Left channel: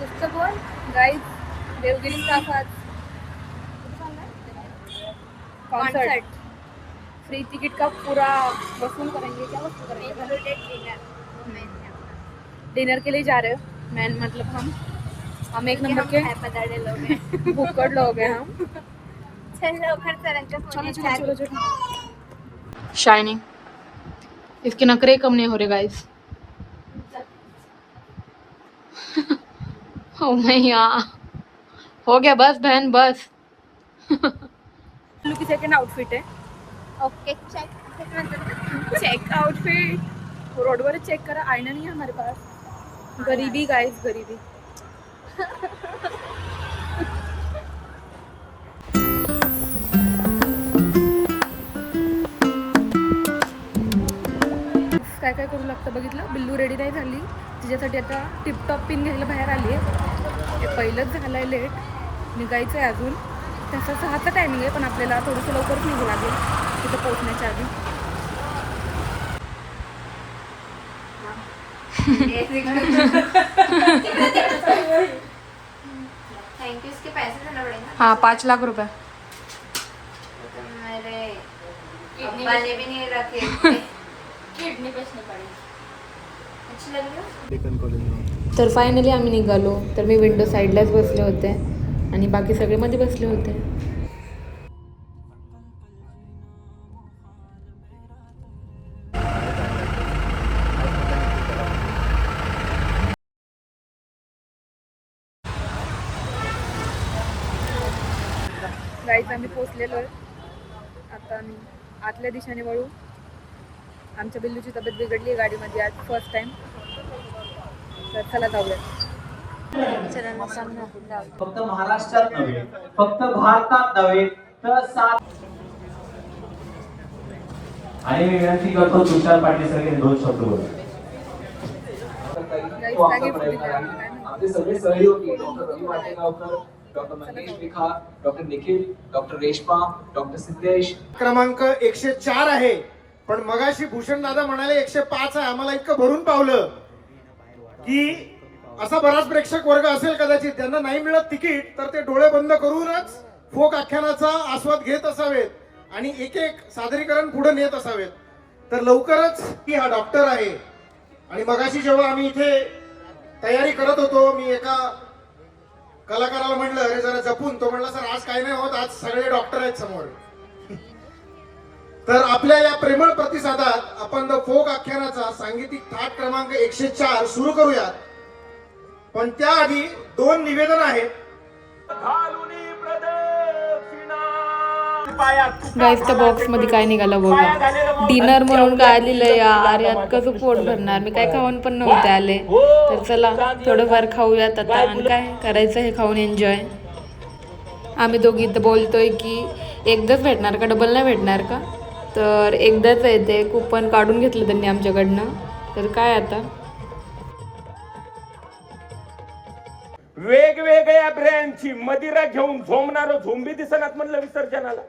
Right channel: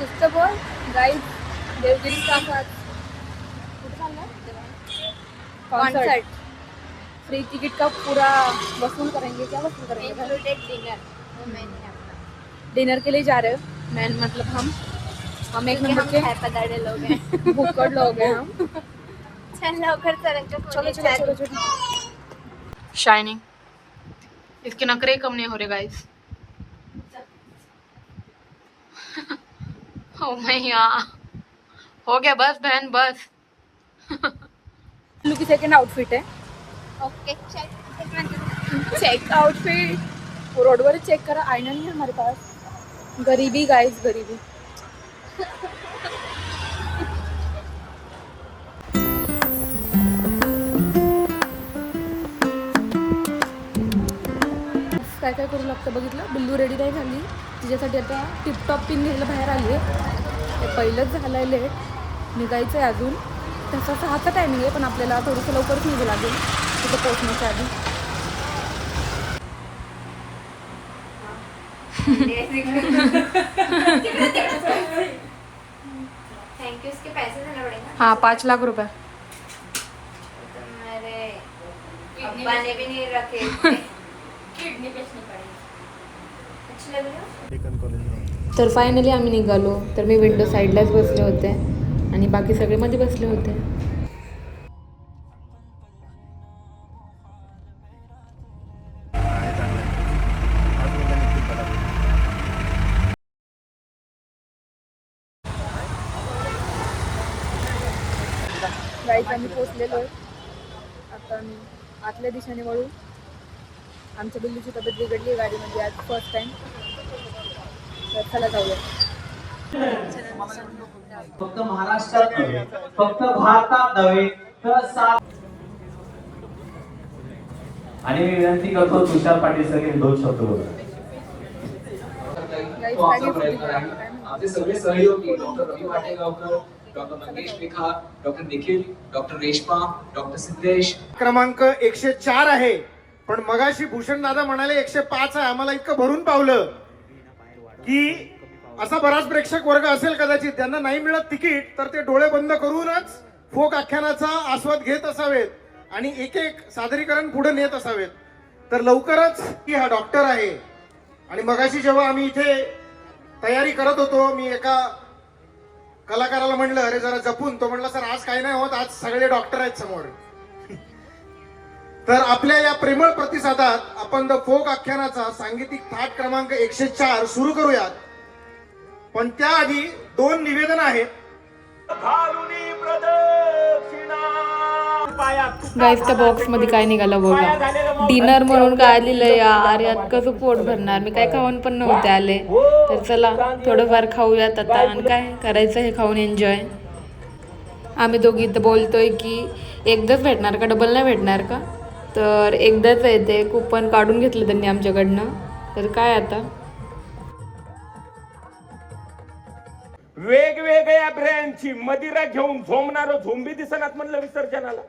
कुछ तो बोल गाइस, देवगिरी का साथ कॉन्सर्ट फ्री टिकट का पूरा वसूल करेंगे। क्या वसूल करेंगे? डिनर के लिए जा रहे हो। मैं मतलब हम एक नंबर के भुक्कड़ लोग हैं हम। चलो चलो चलो चलो। शाइनिंग, इसके नखरे कम नहीं हो रहे गाइस। ओ मैया, हो गया बस बहन बस। की सेकंड आउटफिट है। ओके चेक आउटफिट रोडवर चेक करा, आईना नहीं है हमारे पास। गरीबी गाइस, गरीबी। काय काय करू लागतं बघितलं. बिल्लू रेडी नाही झाली, तिच्यासाठी आता टिपटॉप पिन घ्यायला बाहेर आली आहे. हे पहिलंच झालं आहे लेट, निघायचं आहे अजून. तसं 6चा टायमिंग आहे, पण आपल्याला थोडंसं लवकरच निघू लागेल तिथं पोहोचण्याच्या आधी. Thank you. इसके पैसे देना पड़ेगा। हाँ 5 लाख रुपये. तो मेरे अब्बा ने भी नहीं रखे। किडनी बेचनी पड़ेगी। अच्छी लग रही हो? तर फायनली आम्ही निघालो. तर मी विंडो साईडलाच बसले होते आणि बाकी सगळे मध्ये बसले होते. गाईज आम्ही पोचलेलो आहे. आता आम्ही आतल्या दिशेने वळू. आमच्या बिल्लूची तब्येत बिघडली आहे गाडीमध्ये आज फर्स्ट टाइम. तर चला जाऊया. फक्त महाराष्ट्रात नव्हे, फक्त भारतात नव्हे तर आणि मी विनंती करतो तुषार पाटील सर हे 2 शब्द बोलू. आपले सगळे सहयोगी डॉक्टर रवी वाटेगावकर, डॉक्टर मंगेश लिखा, doctor Nikhil, doctor Reshma, doctor Siddhesh. क्रमांक 104 आहे, पण मगाशी भूषण दादा म्हणाले 105 आहे. आम्हाला इतकं भरून पावलं की असा बराच प्रेक्षक वर्ग असेल कदाचित त्यांना नाही मिळत तिकीट, तर ते डोळे बंद करूनच फोक आख्यानाचा आस्वाद घेत असावेत आणि एक एक सादरीकरण पुढे नेत असावेत. तर लवकरच की हा डॉक्टर आहे. आणि मगाशी जेव्हा आम्ही इथे तयारी करत होतो, मी एका कलाकाराला म्हणलं अरे जरा जपून. तो म्हणला सर आज काही नाही होत, आज सगळे डॉक्टर आहेत समोर. तर आपल्या या प्रेमळ प्रतिसादात आपण द फोक आख्यानाचा सांगीतिक थाट क्रमांक 104 सुरू करूयात. पण त्याआधी 2 निवेदन आहेत. गाईज त्या बॉक्स मध्ये काय निघालं बघा. डिनर म्हणून काय आलेलं यार, यात कसं पोट भरणार. मी काय खाऊन पण नव्हते आले. तर चला थोडंफार खाऊयात आता. आणि काय करायचं हे खाऊन एन्जॉय. आम्ही दोघी इथं बोलतोय की एकदाच भेटणार का, डबल नाही भेटणार का. तर एकदाच आहे ते. कुपन काढून घेतलं त्यांनी आमच्याकडनं. तर काय आता वेगवेगळ्या ब्रँडची मदिरा घेऊन झोमणारं झोंबी दिसणार म्हणलं विसर्जनाला.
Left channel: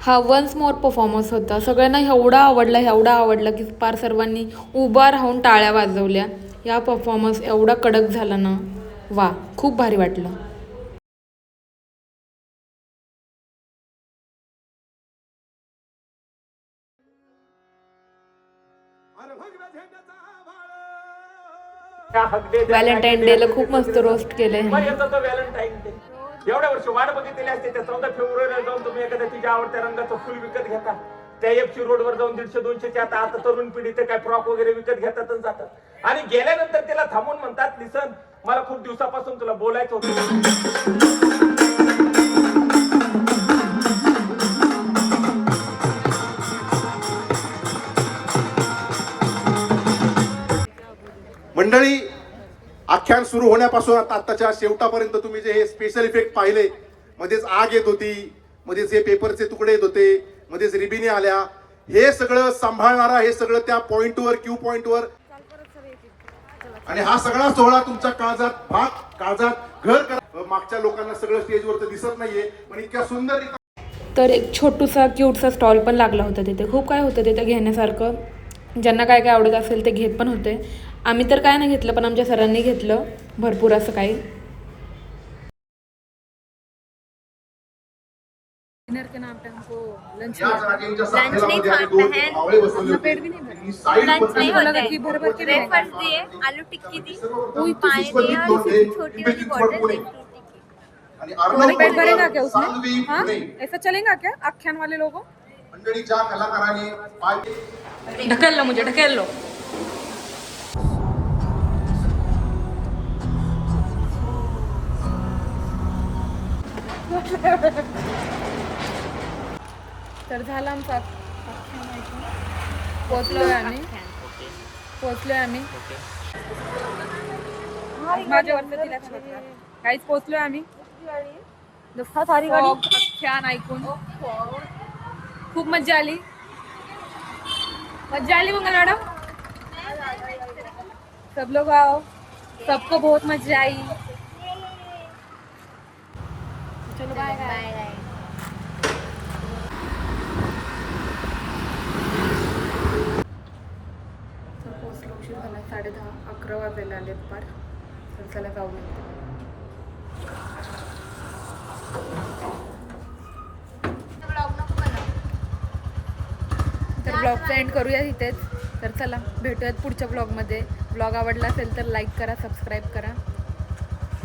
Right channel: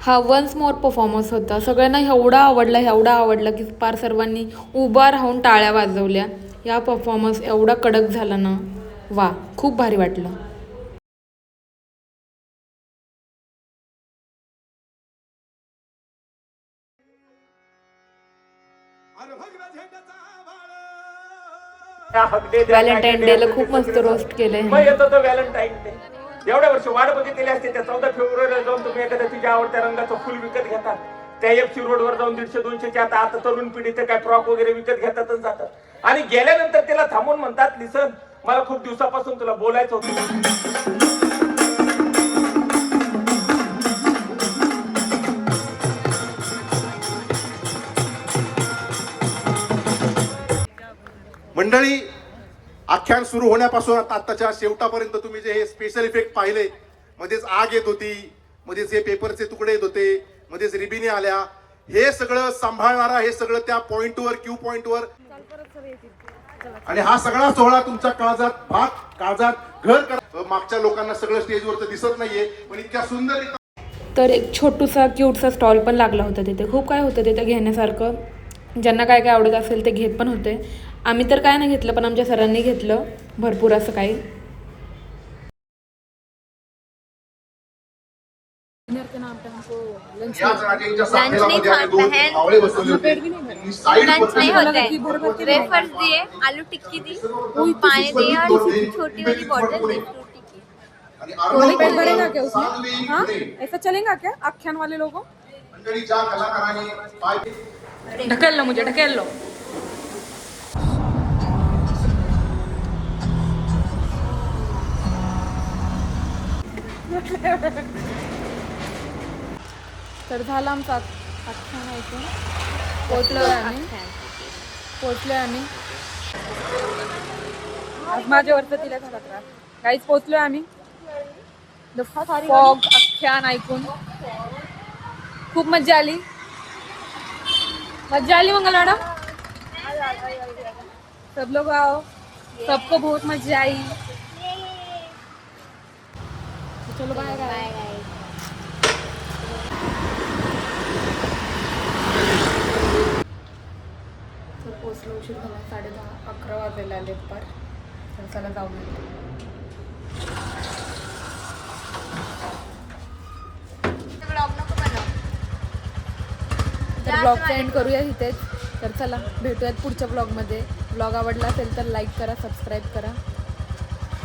हा वन्स मोर परफॉर्मन्स होता. सगळ्यांना एवढा आवडला की पार सर्वांनी उभा राहून टाळ्या वाजवल्या. या परफॉर्मन्स एवढा कडक झाला ना, वा खूप भारी वाटलं. व्हॅलेंटाईन डे ला खूप मस्त रोस्ट केले. व्हॅलेंटाईन डे एवढ्या वर्ष वाट बघितलेली असते. त्या 14 फेब्रुवारीला जाऊन तुम्ही एखाद्या तुझ्या आवडत्या रंगाचं फुल विकत घेता. त्या एफसी रोडवर जाऊन 150-200च्या आता तरुण पिढी तर काय फ्रॉक वगैरे विकत घेतातच जातात. आणि गेल्यानंतर त्याला थांबून म्हणतात लिसन मला खूप दिवसापासून तुला बोलायचं होतं. मंडळी, आख्यान सुरू होण्यापासून आताच्या शेवटापर्यंत तुम्ही जे हे स्पेशल इफेक्ट पाहिले, मध्येच आग येत होती, मध्येच हे पेपरचे तुकडे येत होते, मध्येच रिबिनी आल्या, हे सगळं सांभाळणारा, हे सगळं त्या पॉइंटवर क्यू पॉइंटवर. आणि हा सगळा सोहळा तुमच्या काळजात घर कर. मागच्या लोकांना सगळं स्टेजवरचं दिसत नाहीये, पण इतक्या सुंदर. तर एक छोटूसा क्यूटसा स्टॉल पण लागला होता तिथे. खूप काय होतं तिथे घेण्यासारखं. ज्यांना काय काय आवडत असेल ते घेत पण होते. आम्ही तर काय नाही घेतलं, पण आमच्या सरांनी घेतलं भरपूर असं काही. डिनर के नाम पे हमको लंच लंच नहीं खाता है, अपना पेट भी नहीं भरा. लंच नहीं हमको होता लगा है. कि भर भर के भी नहीं वेफर्स दिए, आलू टिक्की दी, पानी दिए और छोटी वाली बॉटल दी फ्रूटी की. तुम्हारा पेट भरेगा क्या उसमें? हाँ, ऐसा चलेगा क्या आख्यान वाले लोगों? ढकेल लो मुझे, ढकेल लो. तर झाला आमचा आख्यान ऐकून. पोचलोय आम्ही. आज माझ्यावरचं तिला झाला त्रास. काहीच पोचलोय आम्ही. फॉग आख्यान ऐकून खूप मज्जा आली. मंगल मॅडम. सब लोग आओ, सबको बहुत मजा आई. चलो बाय बाय. तर पोचलो, उशीर झाला. 10:30-11 वाजायला आले पर. तर चला जाऊ. तर ब्लॉगचा एंड करूया इथेच. तर चला भेटूयात पुढच्या ब्लॉगमध्ये. ब्लॉग आवडला असेल तर लाईक करा, सबस्क्राईब करा.